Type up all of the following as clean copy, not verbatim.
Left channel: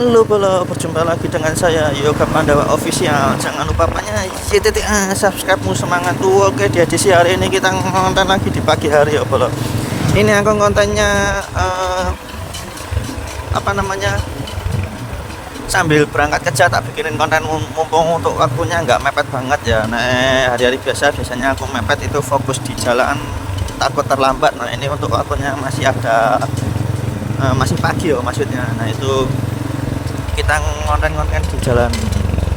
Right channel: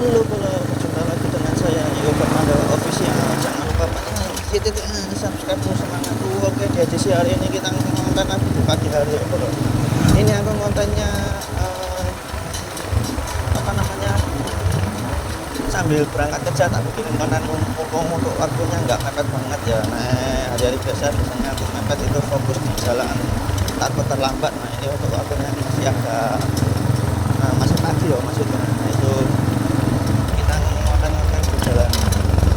Halo bolo, berjumpa lagi dengan saya Yoga Pandawa Official. Jangan lupa subscribe-mu semangat tuh. Oke, di edisi hari ini kita ngonten lagi di pagi hari ya bolo. Ini aku kontennya apa namanya, sambil berangkat kerja tak bikinin konten mumpung untuk waktunya nggak mepet banget ya. Nah, hari-hari biasanya aku mepet itu fokus di jalan, takut terlambat. Nah, ini untuk waktunya masih ada, masih pagi ya maksudnya. Nah, itu kita ngonten-ngonten di jalan.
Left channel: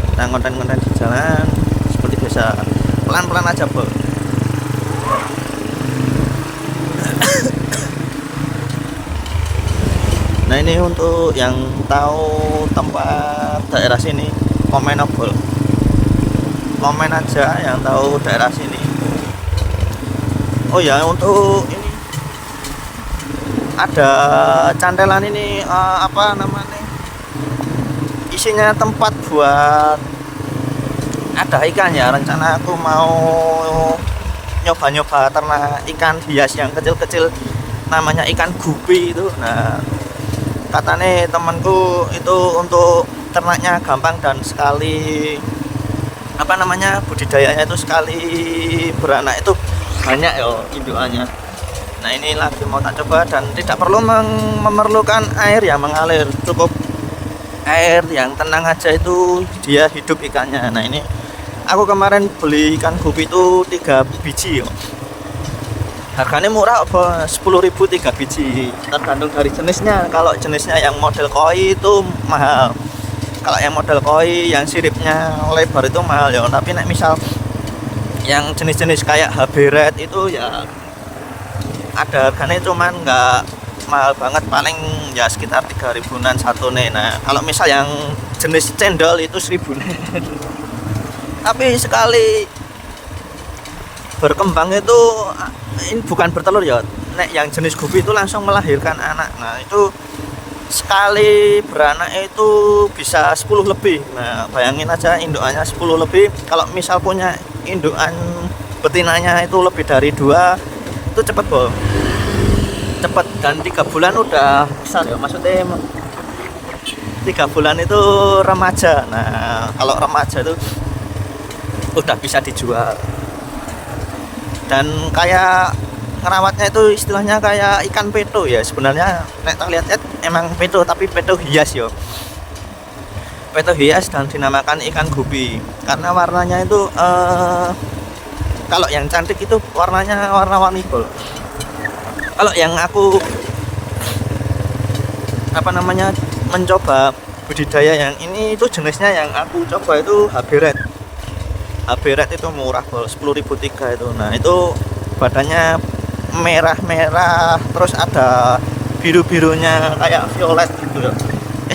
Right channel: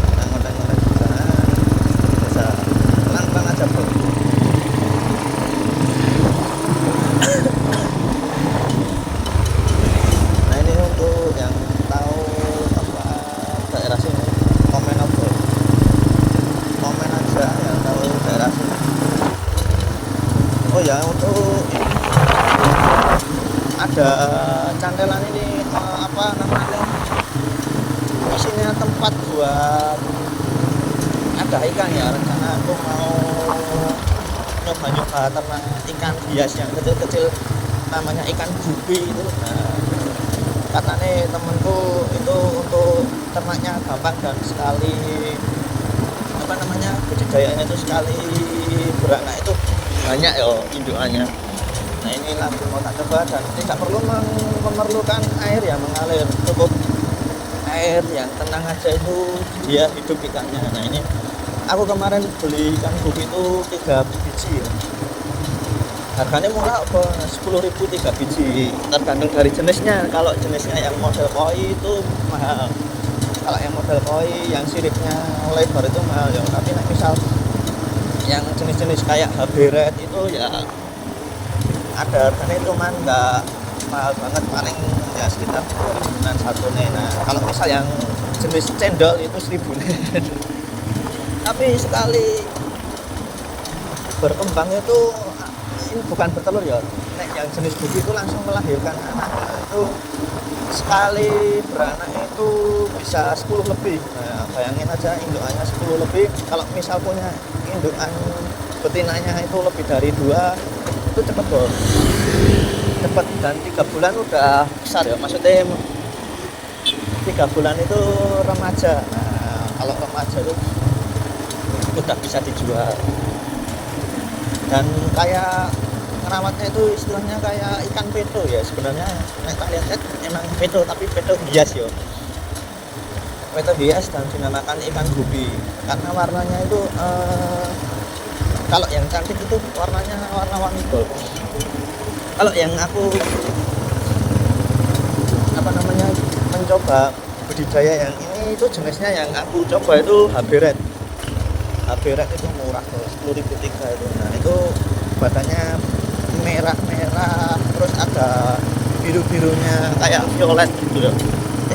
Kita ngonten-ngonten di jalan seperti biasa, pelan-pelan aja bro. Nah, ini untuk yang tahu tempat daerah sini, komen bro, komen aja yang tahu daerah sini. Oh ya, untuk ini ada cantelan ini, apa namanya, isinya tempat buat ada ikan ya. Rencana aku mau nyoba-nyoba ternak ikan hias yang kecil-kecil, namanya ikan gupi itu. Nah, katanya temanku itu untuk ternaknya gampang dan sekali apa namanya, budidayanya itu sekali beranak itu banyak ya indukannya. Nah, ini lagi mau tak coba dan tidak perlu memerlukan air yang mengalir, cukup air yang tenang aja itu dia hidup ikannya. Nah, ini aku kemarin beli ikan gupi itu 3 biji yo. Harganya murah apa, 10.000 3 biji, tergantung dari jenisnya. Kalau jenisnya yang model koi itu mahal, kalau yang model koi yang siripnya lebar itu mahal ya. Tapi nek misal yang jenis-jenis kayak HB Red itu ya ada harganya, cuman nggak mahal banget, paling ya sekitar 3.000-an satu nih. Nah, kalau misal yang jenis cendol itu 1.000 tapi sekali berkembang itu, ini bukan bertelur ya, nek yang jenis gupi itu langsung melahirkan anak. Nah, itu sekali beranak itu bisa 10 lebih. Nah, bayangin aja indukannya 10 lebih. Kalau misal punya indukan betinanya itu lebih dari 2, itu cepet bol, cepet, dan 3 bulan udah besar ya, maksudnya 3 bulan itu remaja. Nah, kalau remaja itu udah bisa dijual. Dan kayak ngerawatnya itu istilahnya kayak ikan peto ya sebenarnya. Nek tak lihat emang peto, tapi peto hias yo, peto hias, dan dinamakan ikan gupi karena warnanya itu kalau yang cantik itu warnanya warna-warni bol. Kalau yang aku apa namanya, mencoba budidaya yang ini itu jenisnya yang aku coba itu HB Red. HB Red itu murah bol, 10.000 3 itu. Nah, itu badannya merah-merah terus ada biru-birunya kayak violet gitu ya.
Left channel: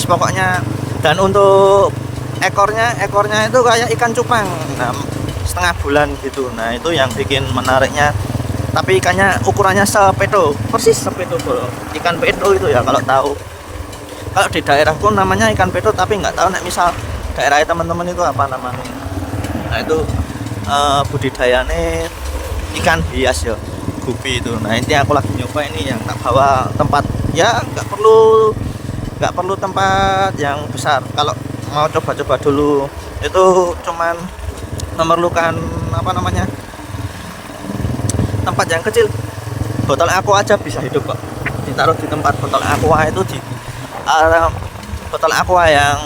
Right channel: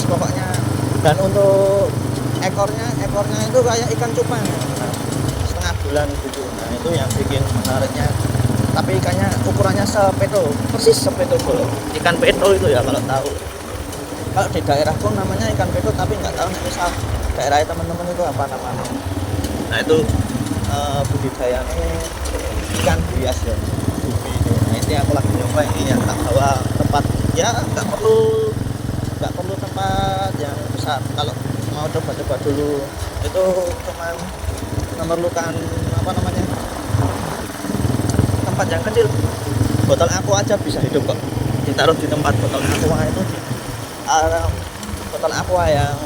Pokoknya, dan untuk ekornya itu kayak ikan cupang. Nah, setengah bulan gitu. Nah, itu yang bikin menariknya. Tapi ikannya ukurannya sepeto, persis sepeto bro. Ikan peto itu ya, kalau tahu. Kalau di daerahku namanya ikan peto, tapi nggak tahu nek misal daerah teman-teman itu apa namanya. Nah, itu budidayanya ikan hias ya, gupi itu. Nah, ini aku lagi nyoba ini yang tak bawa tempat ya, nggak perlu tempat yang besar. Kalau mau coba-coba dulu itu cuman memerlukan apa namanya, tempat yang kecil. Botol aqua aja bisa hidup kok, ditaruh di tempat botol aqua itu, di botol aqua yang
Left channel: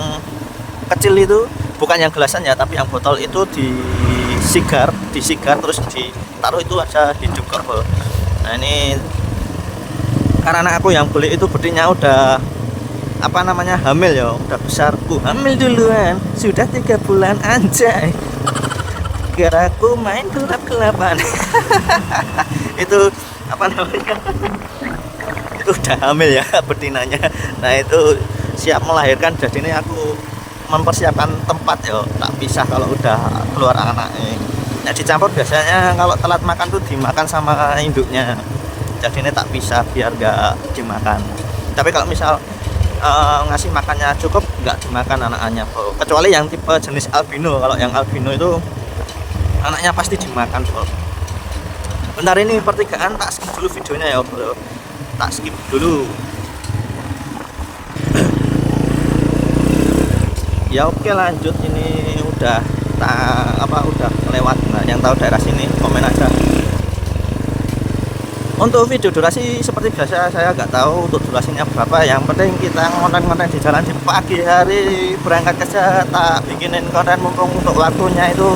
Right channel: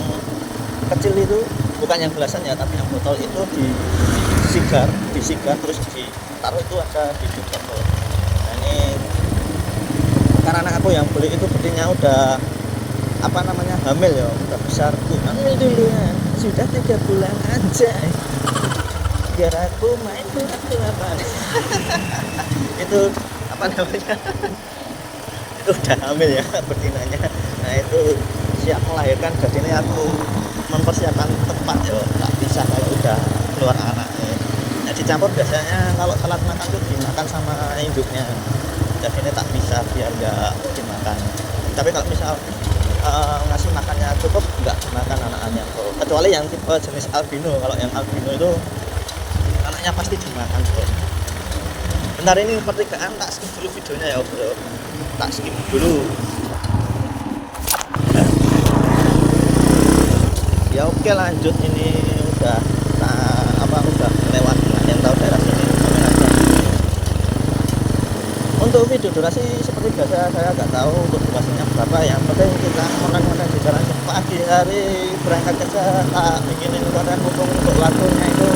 kecil itu, bukan yang gelasan ya, tapi yang botol itu disigar terus ditaruh itu aja hidup kok bro. Nah, ini karena aku yang beli itu betina udah apa namanya, hamil ya, udah besar. Hamil duluan, sudah 3 bulan anjay. Gara aku main gelap-gelapan. Itu apa namanya, itu udah hamil ya betinanya. Nah, itu siap melahirkan. Jadi ini aku mempersiapkan tempat ya, tak bisa kalau udah keluar anaknya. Ya, dicampur biasanya kalau telat makan tuh dimakan sama induknya. Jadi ini tak bisa biar nggak dimakan. Tapi kalau misal ngasih makannya cukup, nggak dimakan anaknya bro. Kecuali yang tipe jenis albino. Kalau yang albino itu anaknya pasti dimakan bro. Bentar, ini pertigaan tak skip dulu videonya ya bro, tak skip dulu. Ya oke, lanjut. Ini udah udah lewat. Nah, yang tahu daerah sini komen aja. Untuk video durasi seperti biasa saya nggak tahu untuk durasinya berapa, yang penting kita konten-konten di jalan di pagi hari berangkat kerja tak bikinin konten mumpung untuk waktunya itu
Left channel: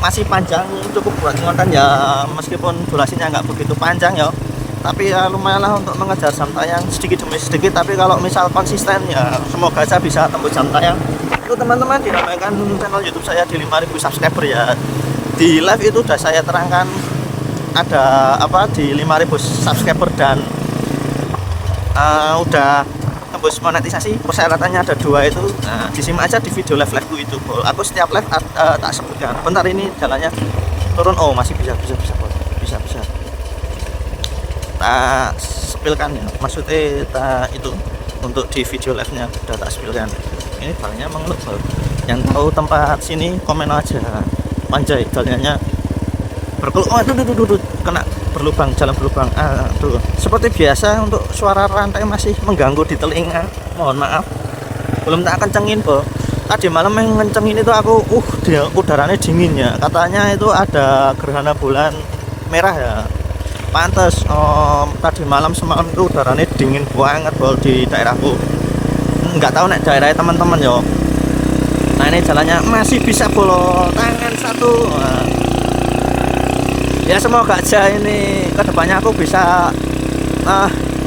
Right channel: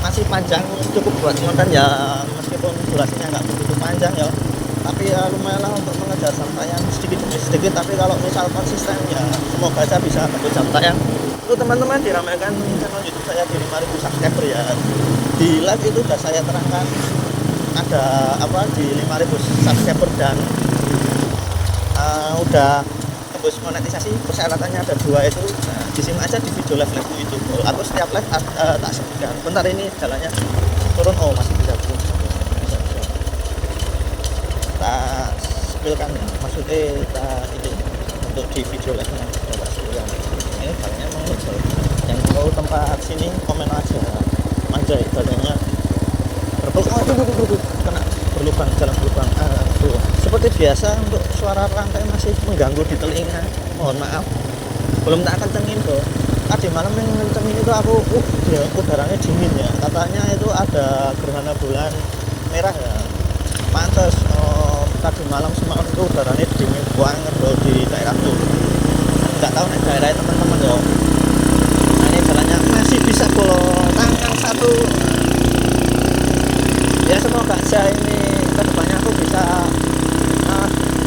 masih panjang, cukup buat konten ya, meskipun durasinya nggak begitu panjang ya, tapi ya lumayan lah untuk mengejar jam tayang sedikit demi sedikit. Tapi kalau misal konsisten ya semoga saya bisa tembus jam tayang. Itu teman-teman, diramaikan channel YouTube saya di 5.000 subscriber ya. Di live itu udah saya terangkan ada di 5.000 subscriber dan udah tembus monetisasi. Persyaratannya ada 2 itu. Nah, disimak aja di video live itu. Aku setiap live tak sebutkan. Bentar, ini jalannya turun. Oh, masih bisa tak sepilkan ya, maksudnya itu untuk di video live nya udah tak sepilkan. Ini palingnya mengelut. Yang tahu tempat sini komen aja. Manjai jalannya kena berlubang, jalan berlubang. Tuh. Seperti biasa untuk suara rantai masih mengganggu di telinga, mohon maaf. Belum tak kencengin kok. Tadi malam yang ngencengin itu aku dia udaranya dingin ya, katanya itu ada gerhana bulan merah ya, pantes. Tadi malam semalam itu udaranya dingin banget bol di daerahku. Nggak tahu nek daerah teman-teman yo. Nah, ini jalannya masih bisa bol tangan satu. Ya semoga aja ini kedepannya aku bisa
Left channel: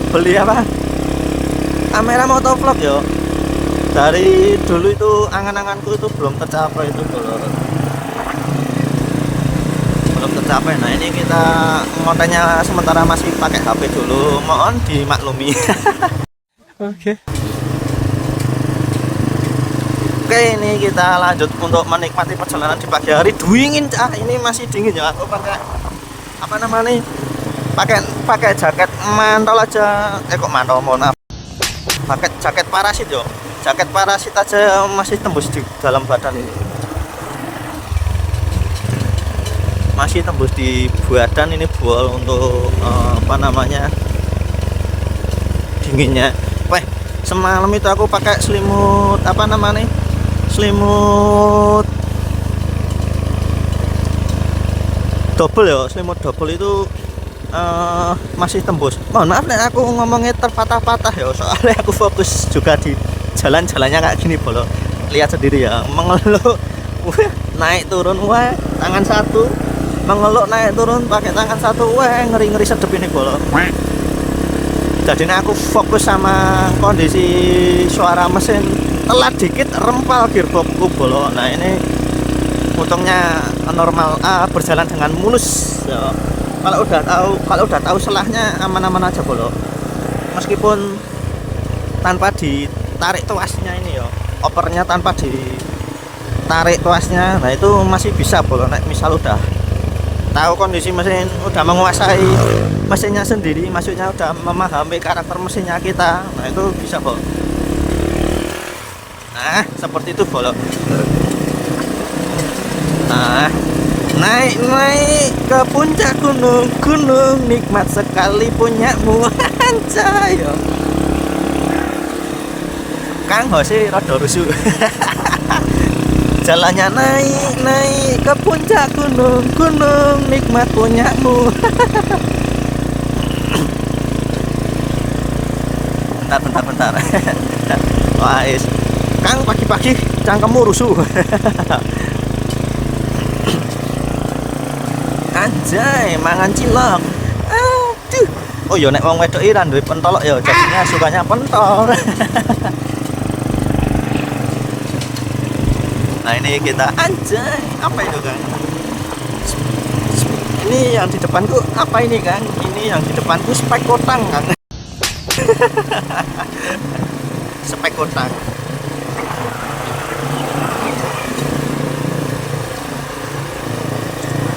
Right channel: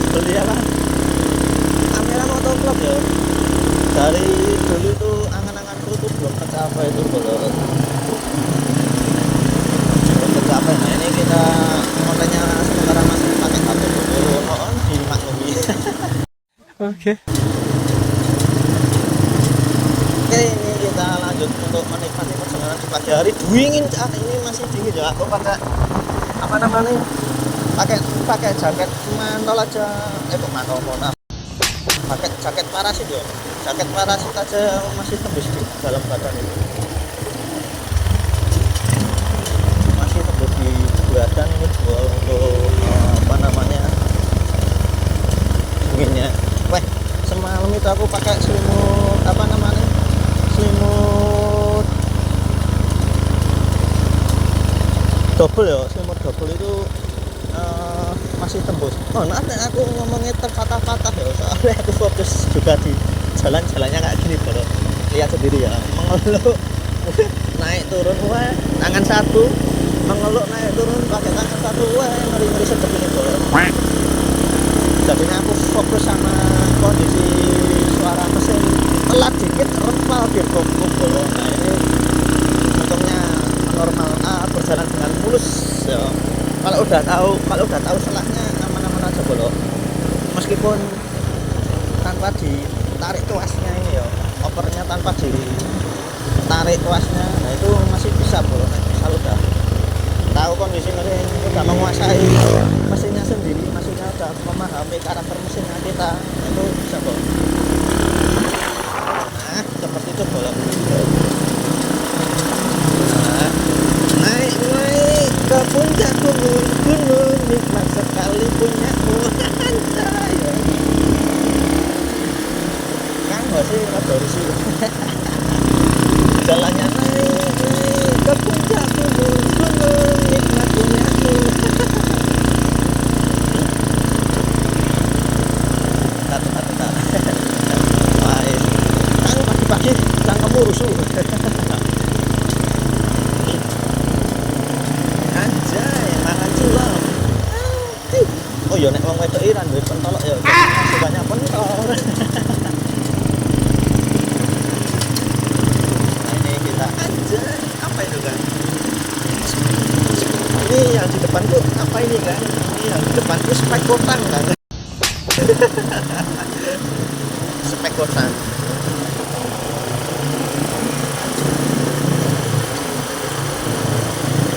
beli kamera motovlog ya. Dari dulu itu angan-anganku itu belum tercapai itu belum tercapai. Nah, ini kita kontennya sementara masih pakai HP dulu, mohon dimaklumi. Oke, ini kita lanjut untuk menikmati perjalanan di pagi hari. Dingin ini masih dingin ya. Aku pakai pakai jaket mantol aja. Kok mantol, mohon maaf. Pakai jaket parasit yo. Jaket parasit aja masih tembus di dalam badan ini. Masih tembus di badan ini buat untuk dinginnya. Semalam itu aku pakai selimut selimut double ya, selimut double itu masih tembus. Mohon maaf nih aku ngomongnya terpatah-patah ya, soalnya aku fokus juga di jalan-jalannya kayak gini bolo. Lihat sendiri ya, mengeluh naik turun tangan satu, mengeluh naik turun pakai tangan satu, ngeri-ngeri sedep ini bolo. Jadi aku fokus sama kondisi suara mesin, telat dikit rempal gearboxku bolo. Nah, ini untungnya normal, berjalan dengan mulus ya. Kalau udah tahu selahnya aman-aman aja bolo. Meskipun tanpa ditarik tuasnya ini ya, opernya tanpa ditarik tuasnya, nah itu masih bisa bolo. Nah, misal udah tahu kondisi mesin, udah menguasai mesinnya sendiri, maksudnya udah memahami karakter mesinnya kita, nah itu bisa bol. Nah, seperti itu bol. Nah, naik ke puncak gunung, nikmat sekali punyamu. Anjay yo. Kang Hosi rada rusuh. Jalannya naik ke puncak gunung, nikmat punyamu. bentar. Wah, Kang pagi-pagi cangkemmu rusuh. Anjay, mangan cilok. Aduh. Oh ya, nek wong wedok ira duwe pentolok ya, jadinya sukanya pentol. Nah, ini kita anjay, apa itu kan? Ini yang di depanku apa ini kan? Ini yang di depanku spek kotang kan? Spek kotang.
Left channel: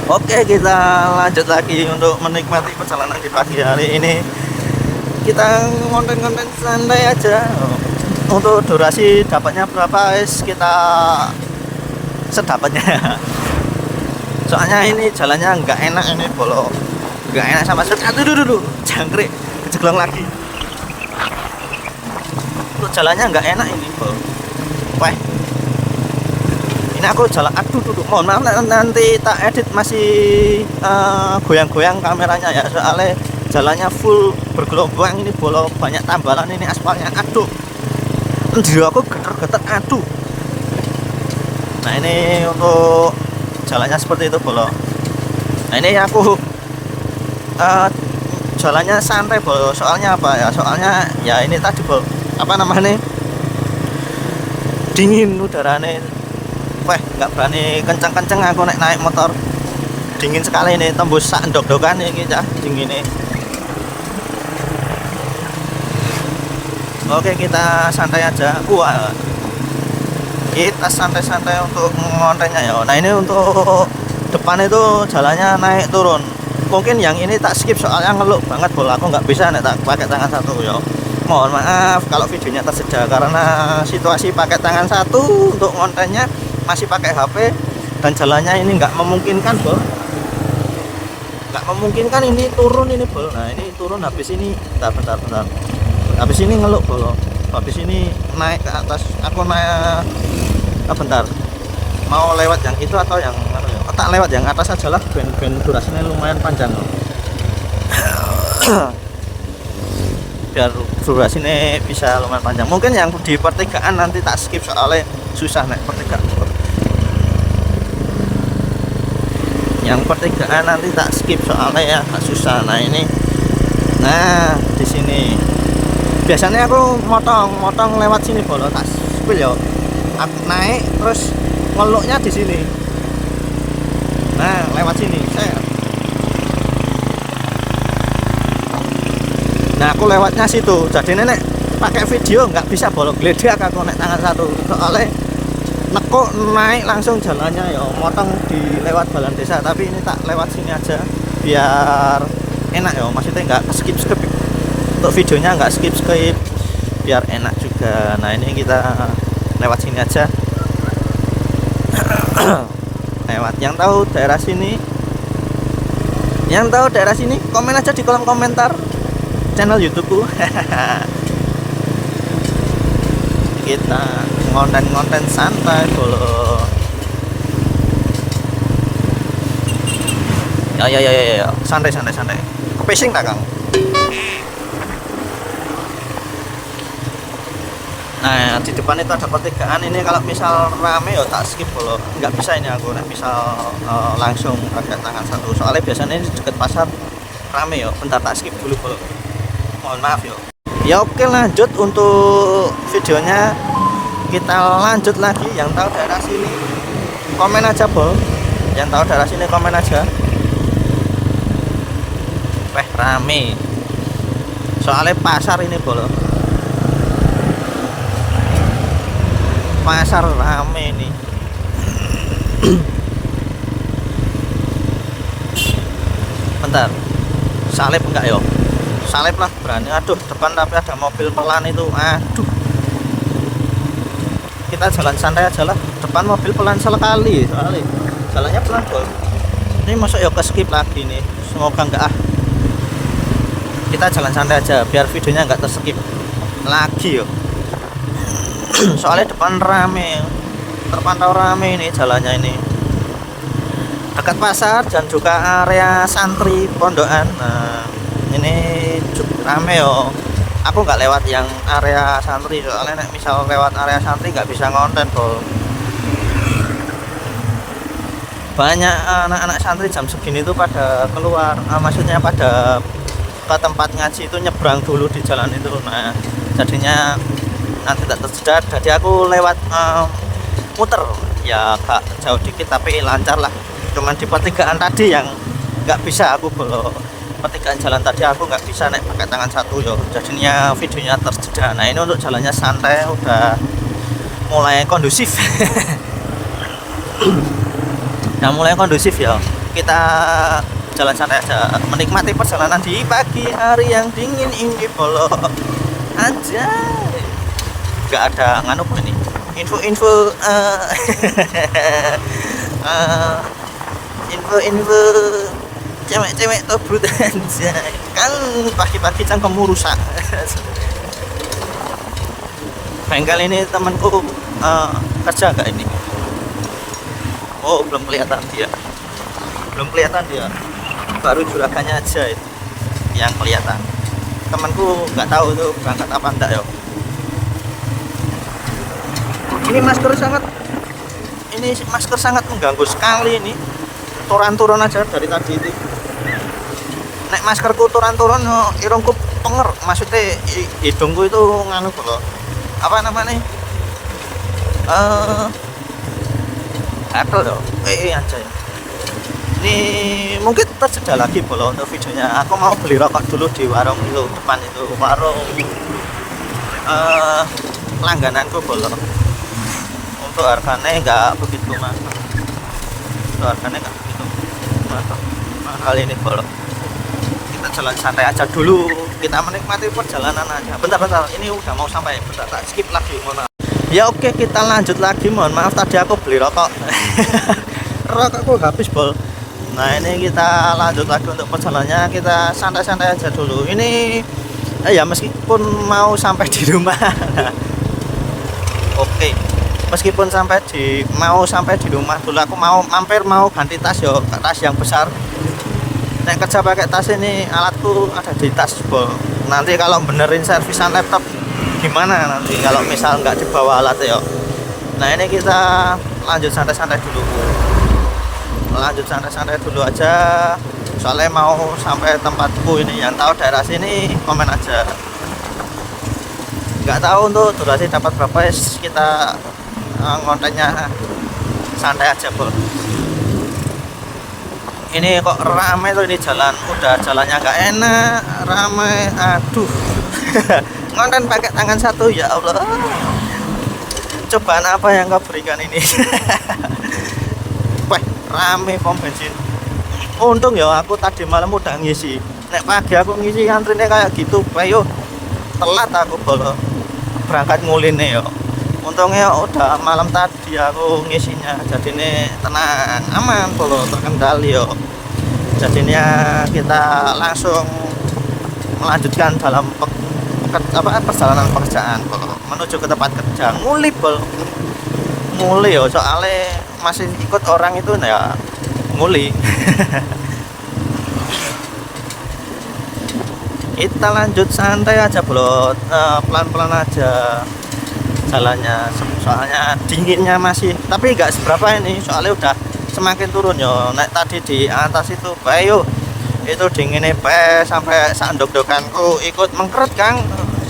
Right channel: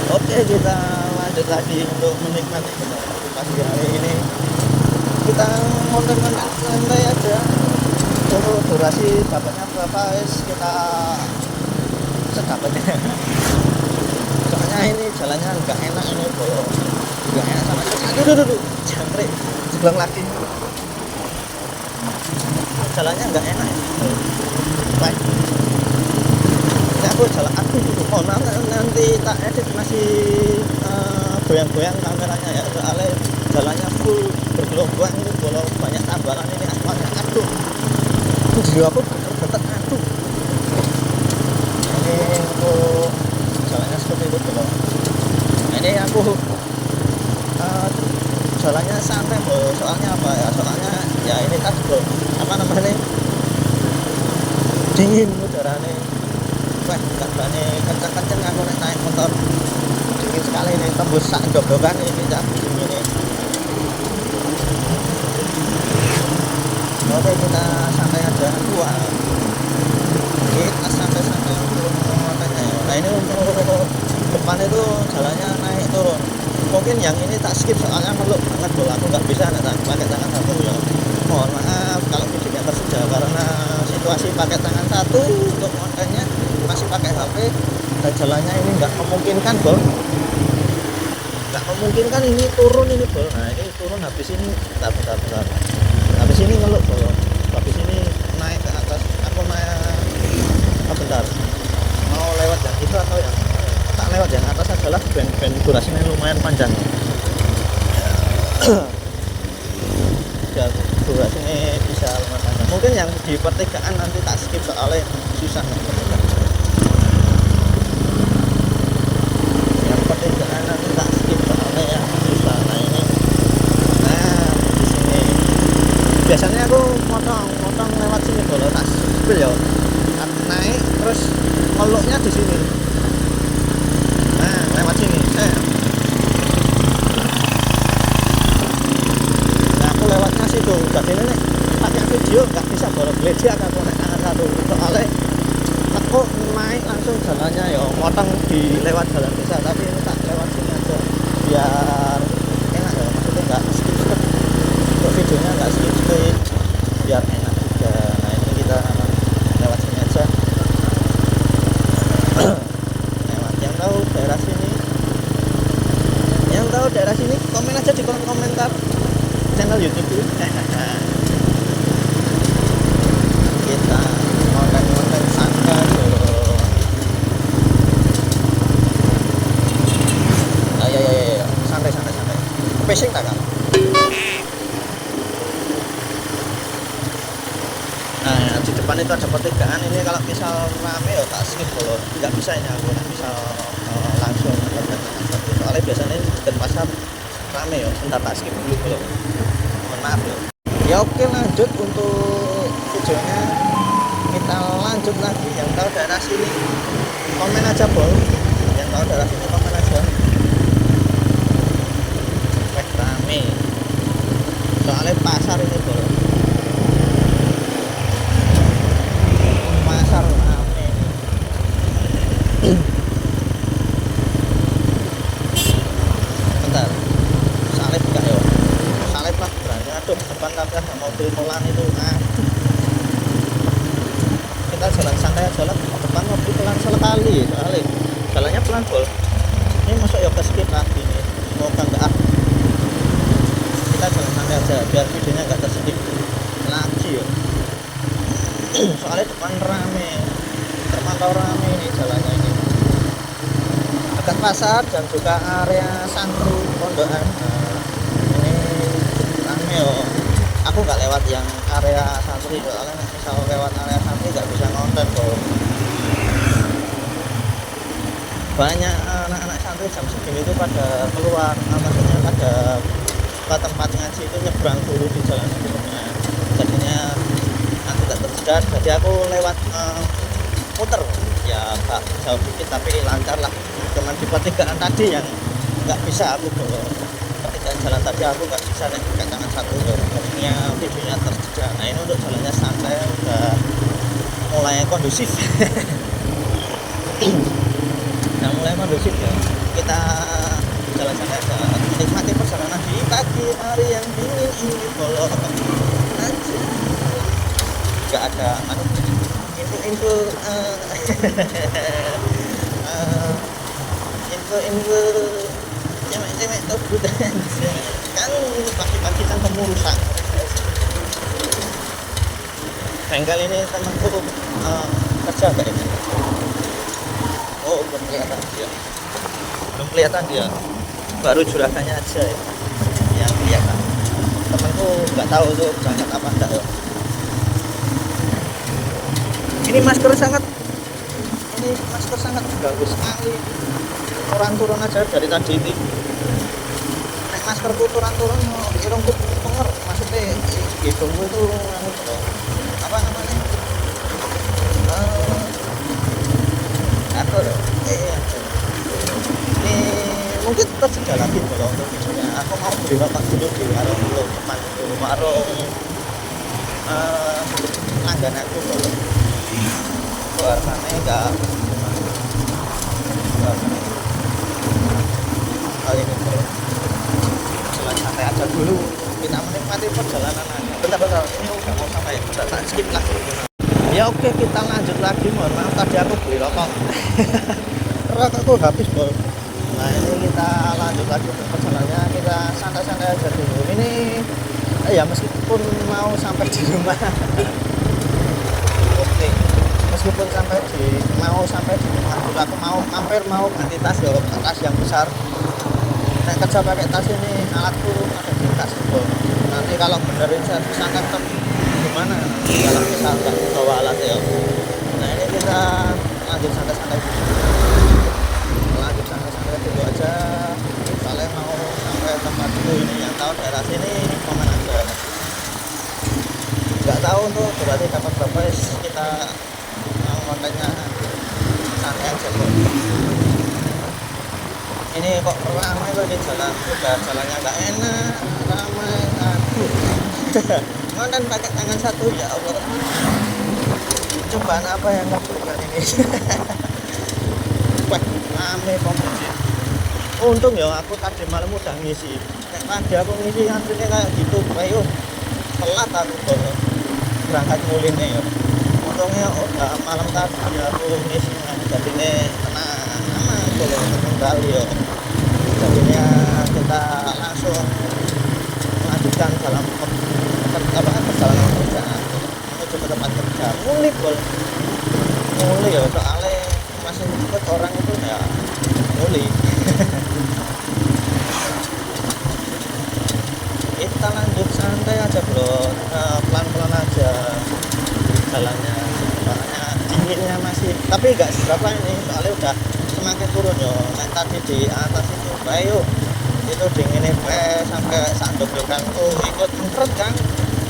Oke, kita lanjut lagi untuk menikmati perjalanan di pagi hari ini. Kita konten-konten santai aja. Untuk durasi dapatnya berapa guys, kita sedapatnya. Soalnya ini jalannya nggak enak ini bolo, nggak enak sama sekali. Aduh, jangkrik kejeblong lagi. Untuk jalannya nggak enak ini bolo. aku jalan, aduh mohon maaf nanti tak edit masih goyang-goyang kameranya ya, soalnya jalannya full bergelombang ini, bolo banyak tambalan ini aspalnya, aduh diri aku geter-geter, aduh. Nah ini untuk jalannya seperti itu bolo. Nah ini aku jalannya santai bolo, soalnya apa ya, soalnya ya ini tadi bolo, apa namanya, dingin udaranya. Wah nggak berani kenceng-kenceng aku naik motor, dingin sekali ini, tembus sak ndok-ndokan ini cah dingin ini. Oke kita santai aja, wah kita santai-santai untuk ngontennya ya. Nah ini untuk depan itu jalannya naik turun, mungkin yang ini tak skip soalnya ngeluk banget bola, aku nggak bisa nih tak pakai tangan satu ya. Mohon maaf kalau videonya tersedia karena situasi pakai tangan satu untuk ngontennya, masih pakai HP dan jalannya ini nggak memungkinkan bol, nggak memungkinkan ini turun ini bol. Nah ini turun, habis ini bentar, habis ini ngeluk bol, habis ini naik ke atas, aku naik bentar, mau lewat yang itu atau yang tak lewat yang atas aja lah, ben durasinya lumayan panjang biar durasinya bisa lumayan panjang. Mungkin yang di pertigaan nanti tak skip soalnya susah naik pertigaan, yang pertigaan nanti tak skip soalnya ya agak susah. Nah ini, nah di sini biasanya aku motong lewat sini bolo, tak spill ya, aku naik terus ngeluknya di sini. Nah lewat sini nah aku lewatnya situ, jadi nenek pakai video nggak bisa bolo, gledek aku naik tangan satu soalnya nekuk naik langsung jalannya ya, motong di lewat jalan desa, tapi ini tak lewat sini aja biar enak ya, maksudnya nggak skip untuk videonya, nggak skip biar enak juga. Nah ini kita lewat sini aja lewat, yang tahu daerah sini komen aja di kolom komentar channel YouTubeku. Kita konten santai dulu ya, santai pacing tak Kang. Nah di depan itu ada pertigaan, ini kalau misal rame ya tak skip dulu, nggak bisa ini aku misal langsung pakai tangan satu, soalnya biasanya ini deket pasar rame ya, bentar tak skip dulu bro, mohon maaf ya. Oke lanjut untuk videonya, kita lanjut lagi. Yang tahu daerah sini komen aja bro, yang tahu daerah sini komen aja. Weh rame soalnya pasar ini bro, pasar rame ini. Bentar, salib enggak yo, salib lah berani. Aduh depan tapi ada mobil pelan itu, aduh kita jalan santai aja lah, depan mobil pelan sekali soalnya jalannya pelan bol. Ini masuk ya ke skip lagi nih, semoga enggak kita jalan santai aja biar videonya enggak terskip lagi yo. Soalnya depan rame, terpantau rame ini jalannya, ini dekat pasar dan juga area santri pondokan. Nah ini cukup rame yo, aku nggak lewat yang area santri soalnya misal lewat area santri nggak bisa ngonten bro. Banyak anak-anak santri jam segini tuh pada keluar, maksudnya pada ke tempat ngaji itu nyebrang dulu di jalan itu. Nah jadinya nanti tak tersedat, jadi aku lewat muter ya agak jauh dikit tapi lancar lah. Cuman di pertigaan tadi yang nggak bisa aku belok, pertigaan jalan tadi aku nggak bisa naik pakai tangan satu yo, jadinya videonya tersedat. Nah ini untuk jalannya santai, udah mulai kondusif. Nah mulai kondusif ya, kita jalan santai aja, menikmati perjalanan di pagi hari yang dingin ini bolo aja. Gak ada nganu ini info info cewek tobrut aja kan, pagi-pagi cangkemmu rusak. Bengkel ini temanku kerja gak ini, Oh, belum kelihatan dia. Belum kelihatan dia. Baru juragannya aja yang kelihatan. Temanku nggak tahu tuh berangkat apa enggak ya. Ini masker sangat mengganggu sekali ini. Turun aja dari tadi ini. Nek maskerku turun irungku penger, maksudnya hidungku itu nganu loh. Apa namanya? Gatel loh. Aja. Ini mungkin tersedia lagi boleh untuk videonya. Aku mau beli rokok dulu di warung dulu depan itu, warung langgananku boleh. Untuk harganya nggak begitu mahal. Untuk harganya nggak begitu mahal ini boleh. Kita jalan santai aja dulu. Kita menikmati perjalanan aja. Bentar, ini udah mau sampai. Bentar, tak skip lagi. Ya oke, kita lanjut lagi. Mohon maaf tadi aku beli rokok. Rokokku habis bol. Nah ini kita lanjut lagi untuk perjalanannya. Kita santai-santai aja dulu. Ini ya meskipun mau sampai di rumah. Oke, meskipun mau sampai di rumah dulu, aku mau mampir, mau ganti tas yo, tas yang besar. Nek kerja pakai tas ini, alatku ada di tas bol. Nanti kalau benerin servisan laptop gimana nanti kalau misal nggak dibawa alat yo. Nah ini kita lanjut santai-santai dulu. Aja, soalnya mau sampai tempatku ini. Yang tahu daerah sini komen aja. Nggak tahu untuk durasi dapat berapa, kita ngontennya santai aja bro. Ini kok ramai tuh ini jalan, udah jalannya nggak enak, ramai, aduh. Ngonten pakai tangan satu, ya Allah. Cobaan apa yang kau berikan ini? Wah, rame pom bensin. Untung ya aku tadi malam udah ngisi. Nek pagi aku ngisi antrine kayak gitu, ayo telat aku bolo berangkat nguline yo. Untungnya udah malam tadi aku ngisinya, jadinya tenang, aman bolo, terkendali yo. Jadinya kita langsung melanjutkan dalam perjalanan pekerjaan bolo, menuju ke tempat kerja. Nguli yo, soalnya masih ikut orang itu ya nguli. Kita lanjut santai aja bro, pelan-pelan aja jalannya, soalnya dinginnya masih, tapi nggak seberapa ini, soalnya udah semakin turun yo. Naik tadi di atas itu bayu itu dinginnya sampai sandok-dokanku ikut mengkeret kang,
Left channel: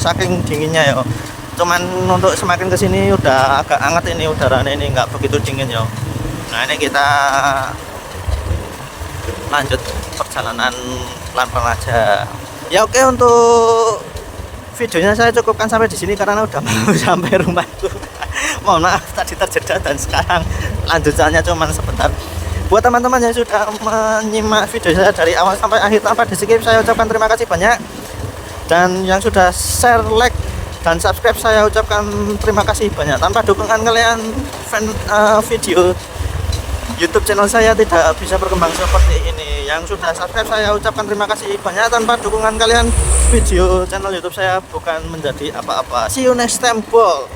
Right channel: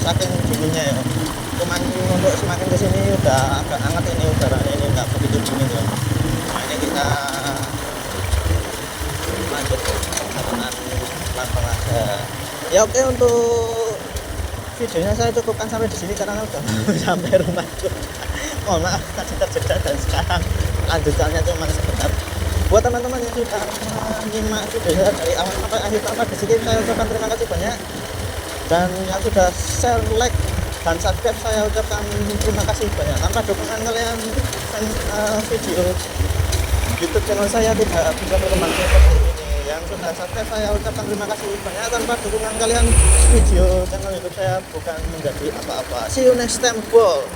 saking dinginnya yo. Cuman untuk semakin kesini udah agak hangat ini udaranya, ini nggak begitu dingin yo. Nah ini kita lanjut perjalanan pelan-pelan aja. Ya oke, untuk videonya saya cukupkan sampai di sini karena udah mau sampai rumahku. Mohon maaf tadi terjeda dan sekarang lanjutannya cuma sebentar. Buat teman-teman yang sudah menyimak video saya dari awal sampai akhir tanpa di skip, saya ucapkan terima kasih banyak. Dan yang sudah share, like, dan subscribe, saya ucapkan terima kasih banyak. Tanpa dukungan kalian, video YouTube channel saya tidak bisa berkembang seperti ini. Yang sudah subscribe saya ucapkan terima kasih banyak. Tanpa dukungan kalian, video channel YouTube saya bukan menjadi apa-apa. See you next time, bro.